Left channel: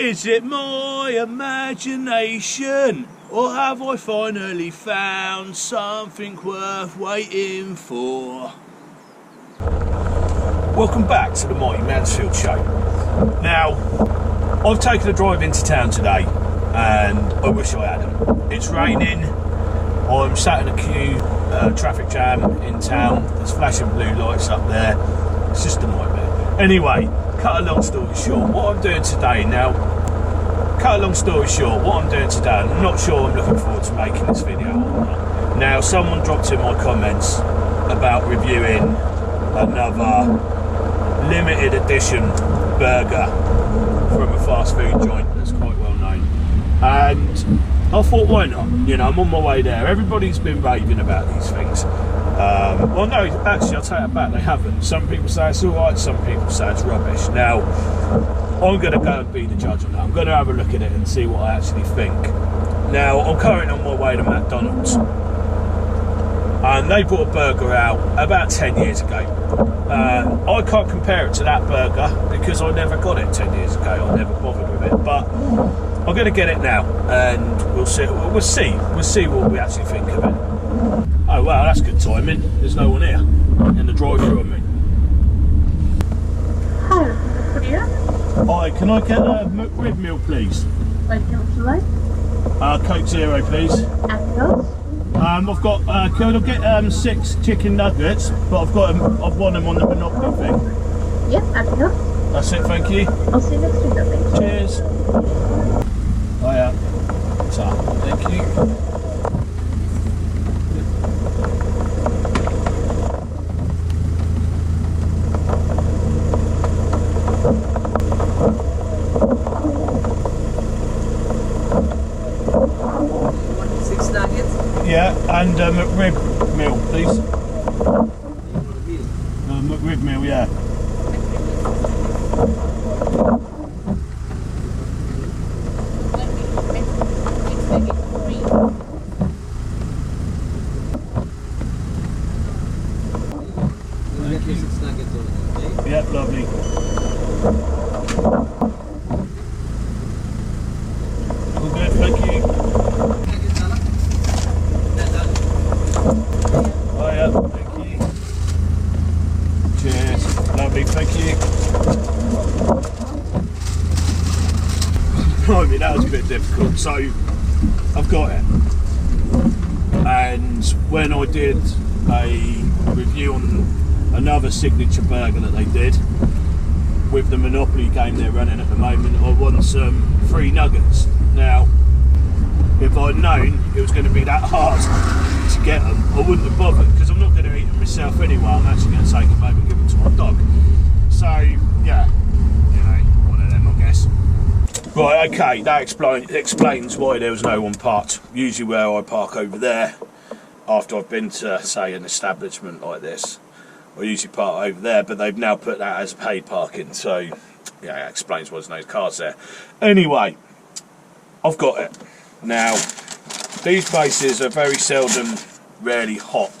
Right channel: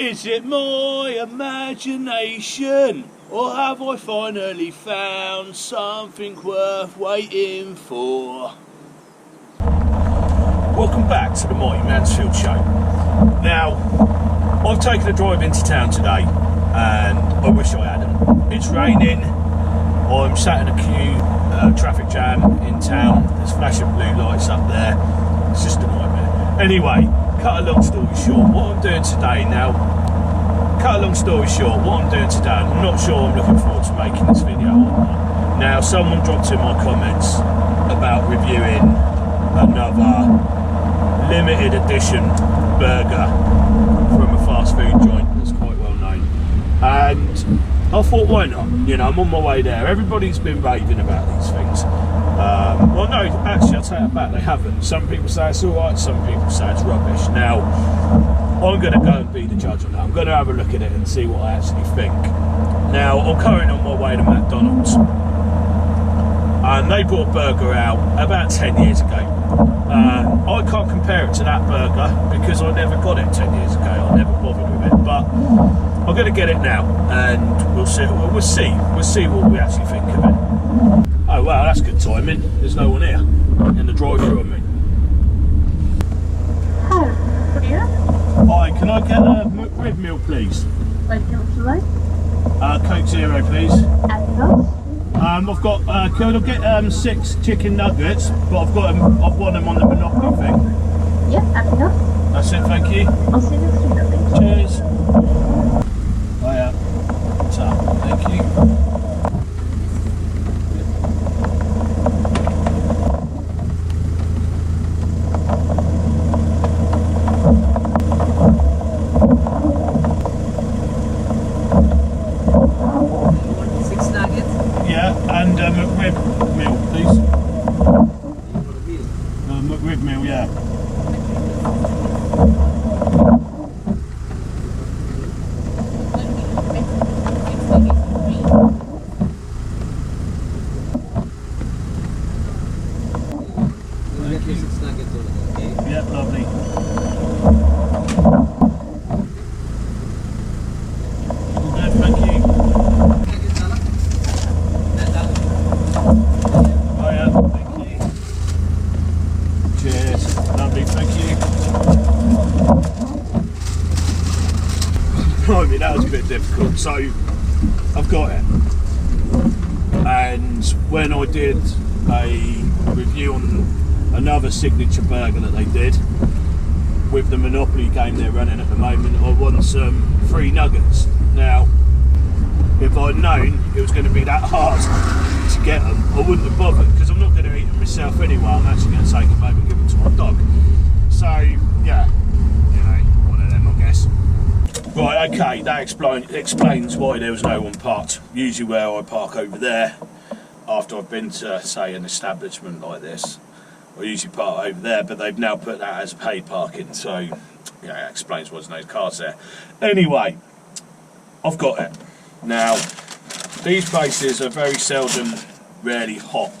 Is it my imagination, or have I finally found something worth waiting for? Welcome back to the Mighty Mansfield show. Now, I've taken a drive into town today, and I wish I hadn't. It's raining, I'm sat in a queue, traffic jam in town, there's flashing blue lights up there, it's just a nightmare. Anyway, cut a long story short, what I'm doing today now, I'm not sure I'm looking forward to making this video or not. Now, someone dropped in my comments about reviewing another limited edition burger from a fast food joint that's quite well known, and I thought, why not? You know, I'm on my way there. Everybody's been raving about these things. Well, no, actually, I'll take that back. They haven't. Some people say it's all right. Some people say it's rubbish. Now, I'm going to go and be the judge on that. I'm going to have a look at it and see what I actually think. Now, I'm currently on my way to McDonald's, and they brought a burger out about 10 years ago. I can't compare it to that burger because I never got it 10 years ago. I never bothered with it, but I'm going to get it now, and we'll see what we actually think of it. Oh wow, that's good timing. There's no one here in the drive-thru. I mean, hi, can I get a McRib meal, please? What would you like? Coke Zero, please. Anything else? I've got. Can I get 6 chicken nuggets? But I've won them on the Monopoly thing. Yep, anything else? That's it, thank you. I'll see you next week, thank you. Cheers. Hiya. So, thank you. Yeah, and McRib meal, please. McRib meal, yeah. Yeah, lovely. All good, thank you. Oh yeah, thank you. Cheers, lovely, thank you. I mean, that was a bit difficult, so I've got it. And when I did a review on another signature burger that they did with the Monopoly game they're running at the moment, I won some free nuggets. Now, if I'd known it was going to be that hard to get them, I wouldn't have bothered, because I'm not going to eat them myself anyway. I'm actually going to take them home and give them to my dog. So yeah, you know, one of them, I guess. Right, okay, that explains why there was no one parked. Usually where I park over there, after I've been to, say, an establishment like this, I usually park over there, but they've now put that as paid parking, so yeah, that explains why there's no cars there. Anyway, I've got it. Now, these places are very seldom, rarely hot,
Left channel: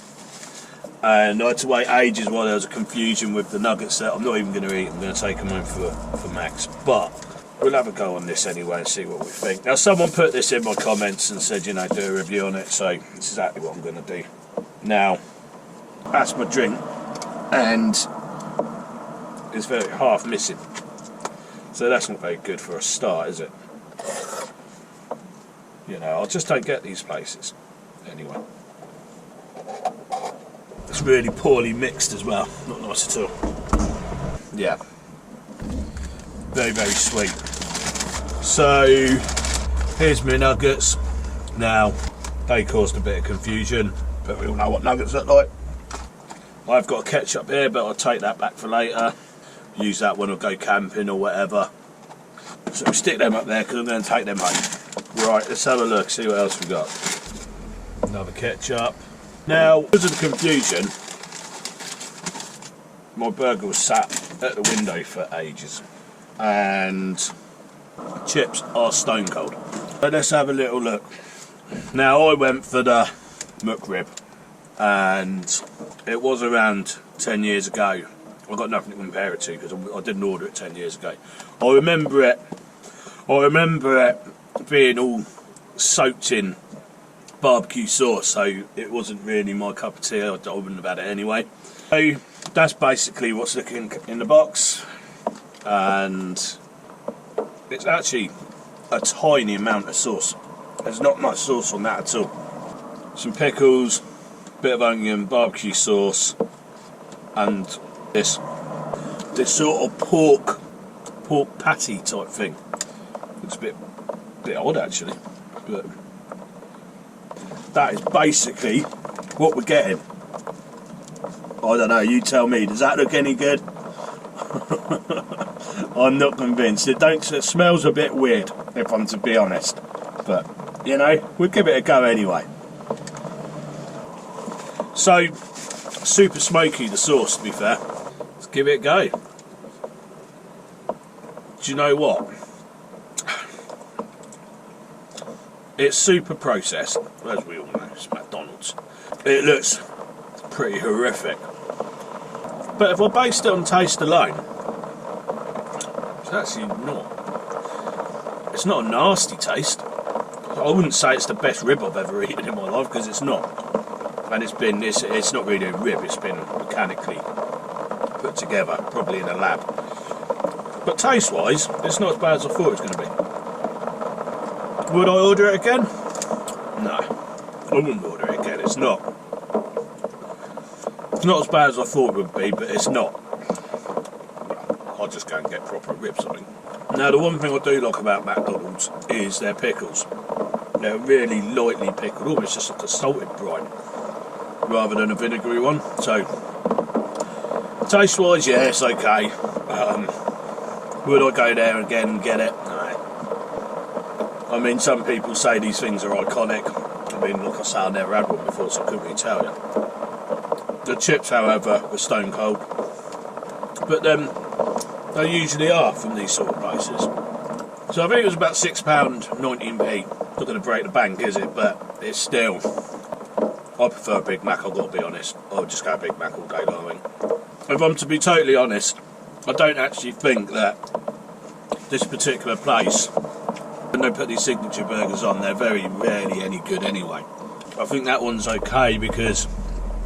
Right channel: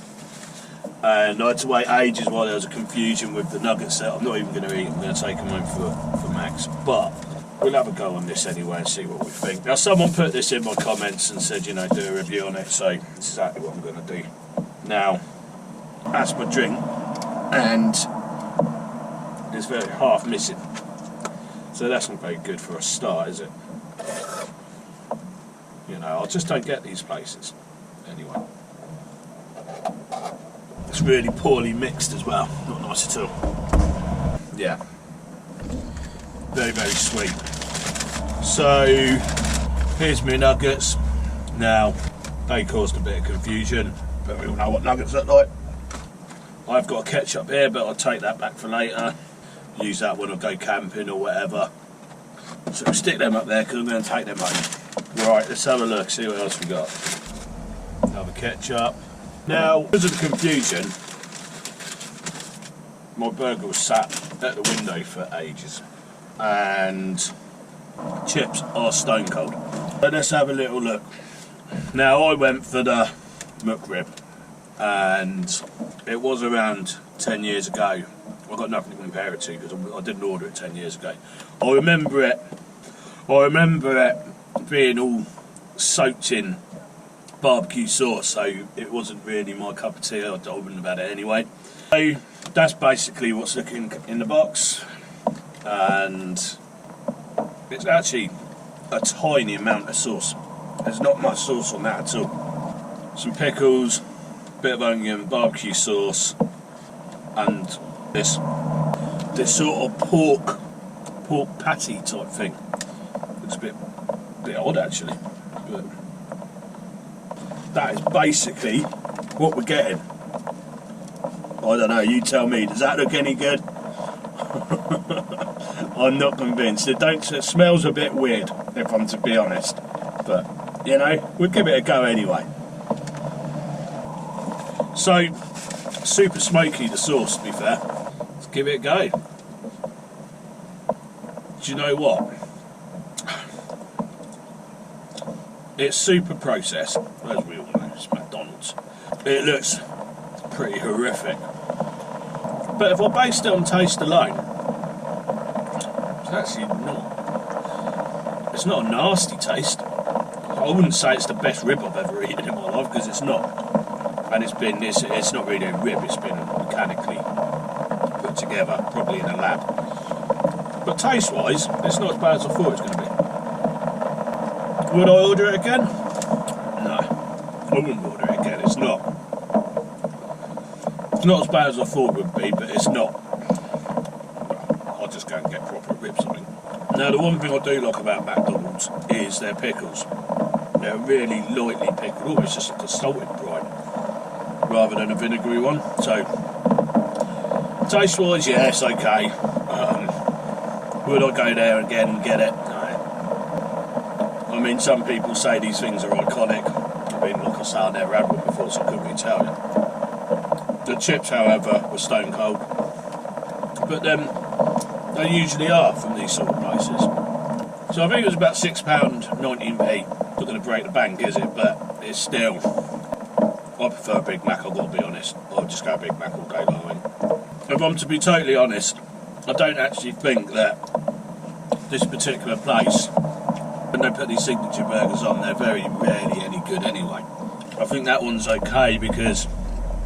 and I had to wait ages while there was a confusion with the nuggets that I'm not even going to eat. I'm going to take them home for Max, but we'll have a go on this anyway and see what we think. Now, someone put this in my comments and said, you know, do a review on it, so this is exactly what I'm going to do. Now, that's my drink, and it's very half missing, so that's not very good for a start, is it? You know, I just don't get these places. Anyway, it's really poorly mixed as well. Not nice at all. Yeah, very, very sweet. So here's my nuggets. Now, they caused a bit of confusion, but we all know what nuggets look like. I've got a ketchup here, but I'll take that back for later. Use that when I go camping or whatever. So we'll stick them up there because I'm going to take them home. Right, let's have a look, see what else we got. Another ketchup. Now, because of the confusion, my burger was sat at the window for ages, and chips are stone cold. But let's have a little look. Now, I went for the McRib, and it was around 10 years ago. I've got nothing to compare it to because I didn't order it 10 years ago. I remember I remember it being all soaked in barbecue sauce, so it wasn't really my cup of tea. I wouldn't have had it anyway. So that's basically what's looking in the box, and it's actually a tiny amount of sauce. There's not much sauce on that at all. Some pickles, bit of onion, barbecue sauce, and this sort of pork patty type thing. Looks a bit odd actually, but that is basically what we're getting. I don't know, you tell me, does that look any good? I'm not convinced. It smells a bit weird, if I'm to be honest. But, you know, we'll give it a go anyway. So, super smoky, the sauce, to be fair. Let's give it a go. Do you know what? It's super processed, as we all know, it's McDonald's. It looks pretty horrific. But if I based it on taste alone, it's actually not. It's not a nasty taste. I wouldn't say it's the best rib I've ever eaten in my life, because it's not. And it's not really a rib, it's been mechanically put together, probably in a lab. But taste-wise, it's not as bad as I thought it was going to be. Would I order it again? No, I wouldn't order it again. It's not as bad as I thought it would be, but it's not. I'll just go and get proper ribs, I think. Now, the one thing I do like about McDonald's is their pickles. They're really lightly pickled, almost just like a salted brine, rather than a vinegary one. So, taste-wise, yeah, it's okay. Would I go there again and get it? No. I mean, some people say these things are iconic. I mean, like I say, I never had one before, so I couldn't really tell you. The chips, however, were stone cold. But they usually are from these sort of places. So I think it was about £6.19p. Not going to break the bank, is it? But it's still... I prefer a Big Mac, I've got to be honest. I'll just go Big Mac all day long. If I'm to be totally honest, I don't actually think that this particular place, when they put these signature burgers on, they're very rarely any good anyway. I think that one's okay because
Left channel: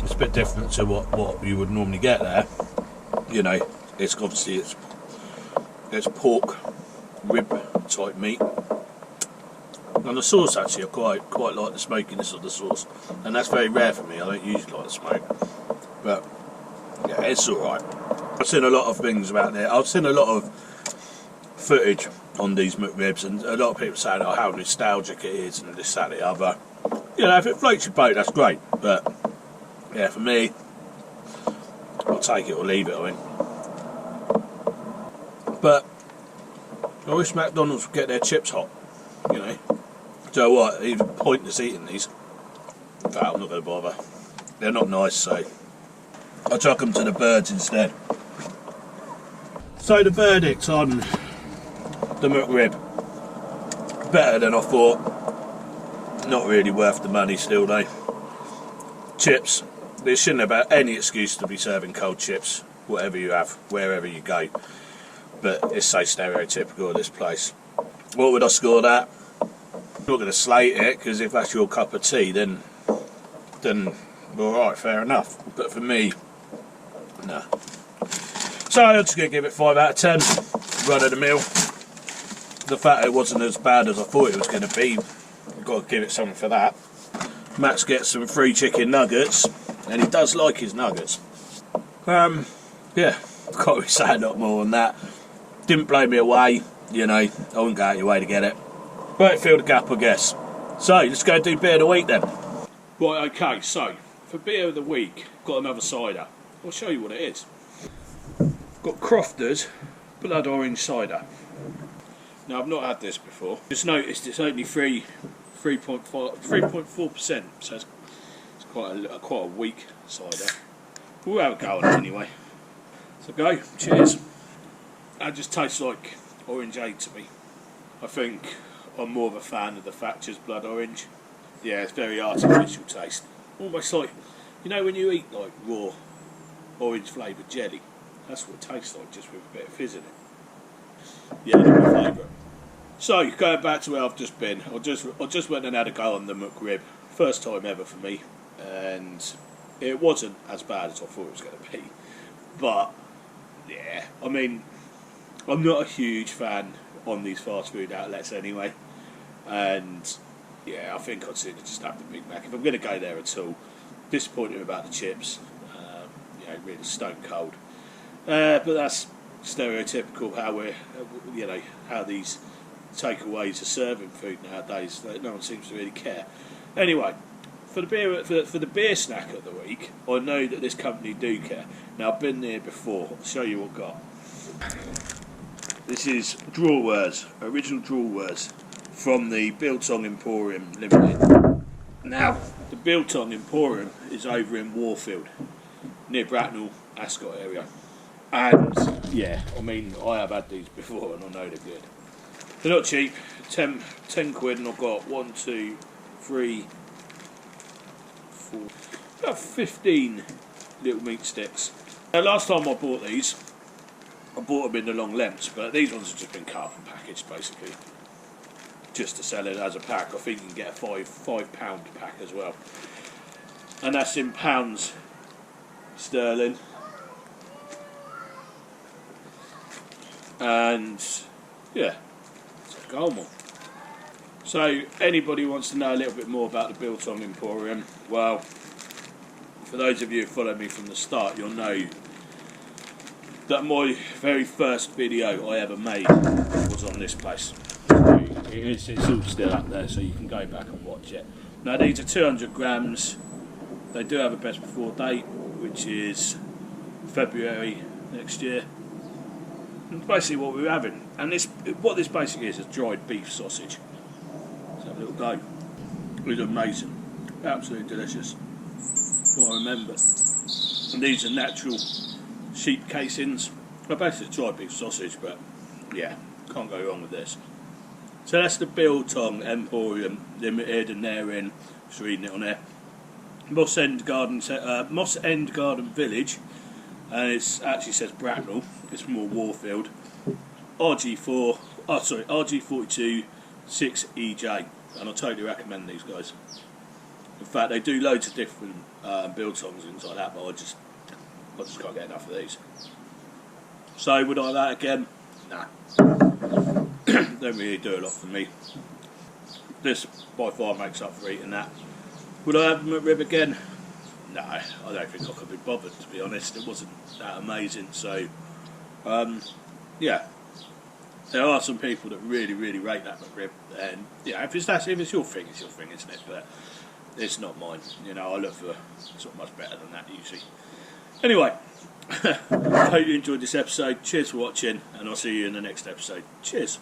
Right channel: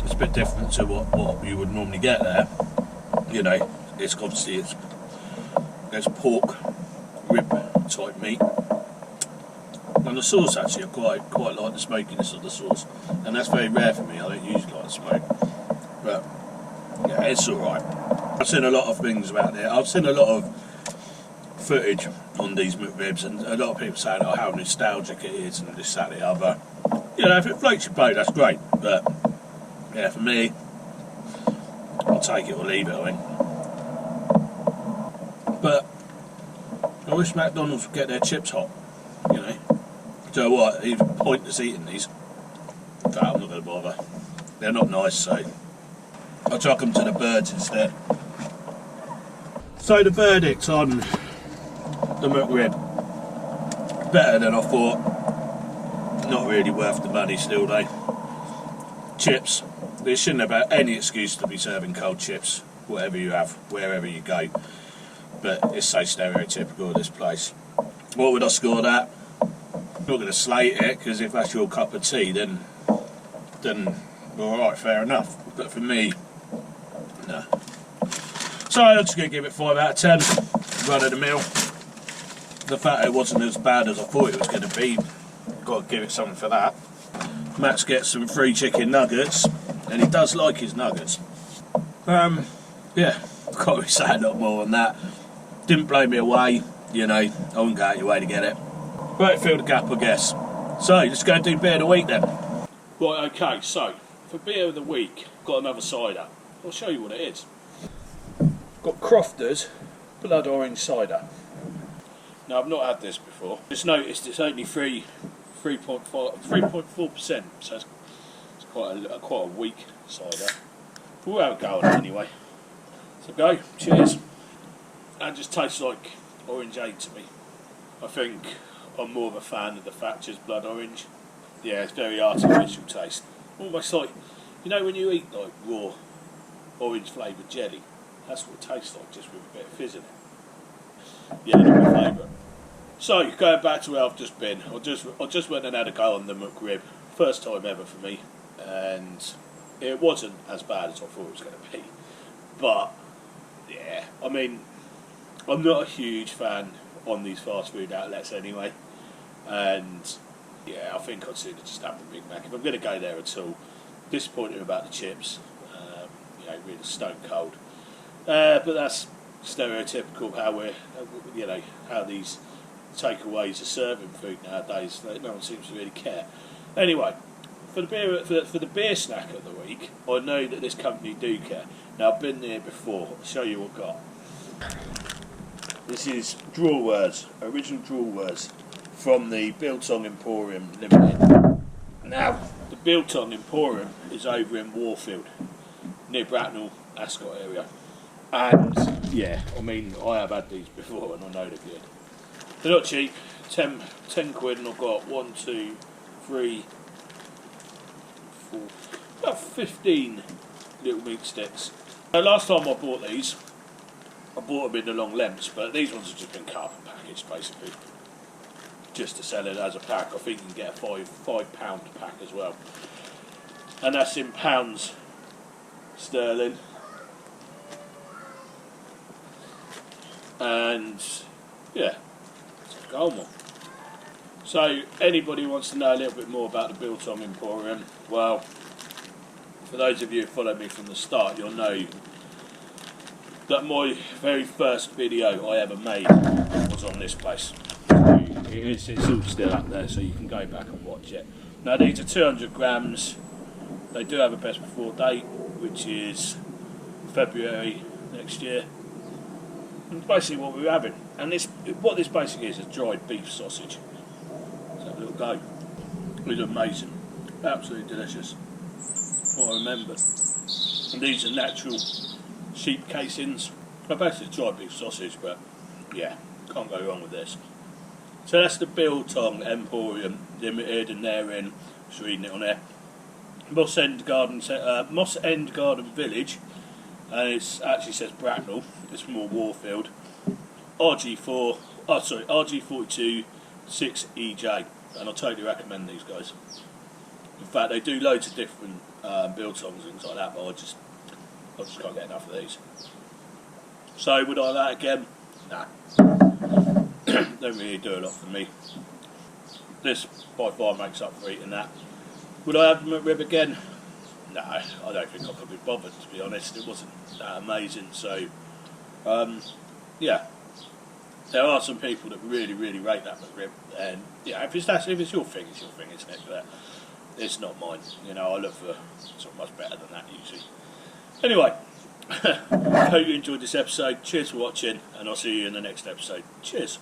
it's a bit different to what you would normally get there. You know, it's obviously it's pork rib type meat. And the sauce actually, I quite like the smokiness of the sauce, and that's very rare for me. I don't usually like the smoke, but yeah, it's alright. I've seen a lot of things about it. I've seen a lot of footage on these McRibs, and a lot of people saying, oh, how nostalgic it is and this, that, the other. You know, if it floats your boat, that's great, but yeah, for me, I'll take it or leave it, I think. But I wish McDonald's would get their chips hot, you know. So what, even pointless eating these. In fact, I'm not going to bother. They're not nice, so I'll chuck them to the birds instead. So the verdict on the McRib, better than I thought. Not really worth the money still though. Chips, there shouldn't have any excuse to be serving cold chips, whatever you have, wherever you go. But it's so stereotypical of this place. What would I score that? I'm not going to slate it, because if that's your cup of tea, then alright, fair enough. But for me, no. So I'm just going to give it 5 out of 10. Run of the mill. The fact it wasn't as bad as I thought it was going to be, you've got to give it something for that. Max gets some free chicken nuggets, and he does like his nuggets. Yeah, can't really say a lot more on that. Didn't blow me away, you know, I wouldn't go out your way to get it. But it filled the gap, I guess. So, let's go do beer of the week then. Right, okay, so, for beer of the week, got another cider. I'll show you what it is. Got Crofters Blood Orange Cider. Now, I've not had this before. Just noticed it's only 3.4%, so it's quite a weak cider. We'll have a go on it anyway. So go, cheers. That just tastes like orangeade to me. I think I'm more of a fan of the Thatcher's Blood Orange. Yeah, it's very artificial taste. Almost like, you know when you eat like raw orange flavoured jelly? That's what it tastes like, just with a bit of fizz in it. Yeah, not my favourite. So, going back to where I've just been, I just went and had a go on the McRib. First time ever for me, and it wasn't as bad as I thought it was going to be. But, yeah, I mean, I'm not a huge fan on these fast food outlets anyway. And, yeah, I think I'd sooner just have the Big Mac. If I'm going to go there at all, disappointed about the chips. You know, really stone cold. But that's stereotypical how we're, you know, how these takeaways are serving food nowadays. No one seems to really care. Anyway, for the beer snack of the week, I know that this company do care. Now, I've been there before. I'll show you what I've got. This is draw words, original draw words from the Biltong Emporium Limited. Now, the Biltong Emporium is over in Warfield, near Bracknell, Ascot area. And, yeah, I mean, I have had these before and I know they're good. They're not cheap, 10 quid, and I've got 1, 2, 3, 4, about 15 little meat sticks. Now, last time I bought these, I bought them in the long lengths, but these ones have just been cut up and packaged, basically, just to sell it as a pack. I think you can get a £5 pack as well, and that's in pounds sterling. And yeah, so go on one. So anybody who wants to know a little bit more about the Biltong Emporium, well, for those of you who followed me from the start, you'll know that my very first video I ever made was on this place. So it's all still up there, so you can go back and watch it. Now, these are 200 grams. They do have a best before date, which is February next year. And basically what we're having. And what this basically is dried beef sausage. Let's have a little go. It's amazing. Absolutely delicious. What I remembered. And these are natural sheep casings. Well, basically dried beef sausage, but yeah, can't go wrong with this. So that's the Biltong Emporium Limited, and they're in, just reading it on there, Moss End Garden Village, and it actually says Bracknell. It's more Warfield. RG42 6EJ, and I totally recommend these guys. In fact, they do loads of different biltongs and things like that, but I just can't get enough of these. So would I have that again? Nah. Don't really do a lot for me. This by far makes up for eating that. Would I have the McRib again? No, I don't think I could be bothered, to be honest. It wasn't that amazing. So, yeah, there are some people that really, really rate that McRib, and yeah, if it's your thing, it's your thing, isn't it? But it's not mine. You know, I look for sort of much better than that usually. Anyway, hope you enjoyed this episode. Cheers for watching, and I'll see you in the next episode. Cheers.